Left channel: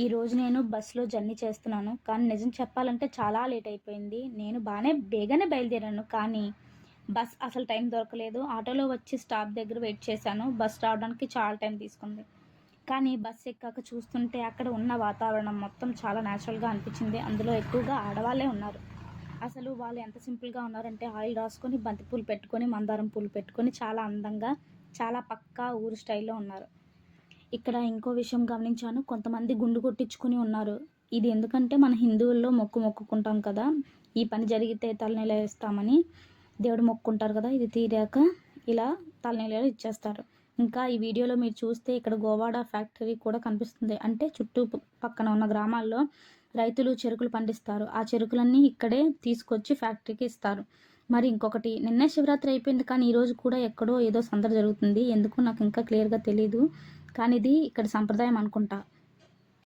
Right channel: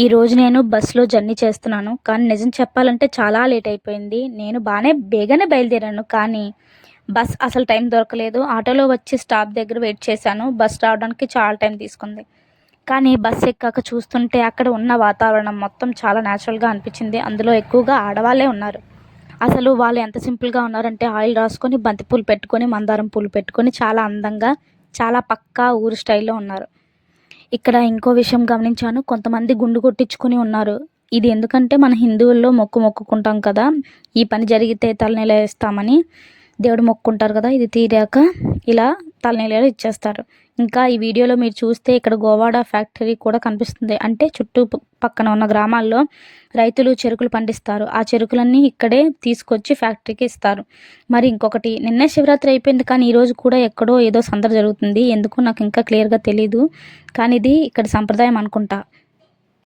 ఈరోజు నేను బస్సులో జర్నీ చేస్తున్నాను. కానీ నిజం చెప్పాలంటే చాలా లేట్ అయిపోయింది. నేను బేగానే బయలుదేరాను. కానీ బస్ అసలు టైం దొరకలేదు. ఆటోలో వచ్చి స్టాప్ దగ్గర వెయిట్ చేశాను. బస్ రావడానికి చాలా టైం తీసుకుంది. కానీ బస్ ఎక్కాక చూస్తుంటే అక్కడ ఉన్న వాతావరణం మొత్తం చాలా న్యాచురల్‌గా అనిపించింది. అందులో ఎక్కువగా ఆడవాళ్ళే ఉన్నారు. అసలు వాళ్ళు ఎంత సింపుల్‌గా ఉన్నారంటే ఆయిల్ రాసుకొని, బంతి పూలు పెట్టుకొని, మందారం పూలు పెట్టుకొని చాలా అందంగా, చాలా పక్కా ఊరు స్టైల్‌లో ఉన్నారు. ఇక్కడ ఇంకో విషయం గమనించాను. కొంతమంది గుండు కొట్టించుకొని ఉన్నారు. ఇది ఎందుకంటే మన హిందువుల్లో మొక్కుకుంటాం కదా! ఈ పని జరిగితే తలనీలా ఏస్తామని దేవుడు మొక్కుకుంటారు కదా! ఇది తీరాక ఇలా తలనీలాలు ఇచ్చేస్తారు. ఇంకా ఈ వీడియోలో మీరు చూస్తే ఇక్కడ గోవాడ ఫ్యాక్టరీ కూడా కనిపిస్తుంది. అంటే పక్కన ఉన్న గ్రామాల్లో రైతులు చెరుకులు పండిస్తారు. ఆ చెరుకులన్నీ ఇక్కడే తీసుకొచ్చి ఫ్యాక్టరీకి ఇస్తారు. మరి ఇంకొకటి నిన్నే శివరాత్రి అయిపోయింది. కానీ ఈరోజు కూడా ఎక్కడో ఏదో సందడి జరుగుతుంది. ఎందుకో నాకు ఇంకా క్లియర్‌గా తెలీదు. కానీ ఇది ఇక్కడ సంప్రదాయం అనుకుంటా.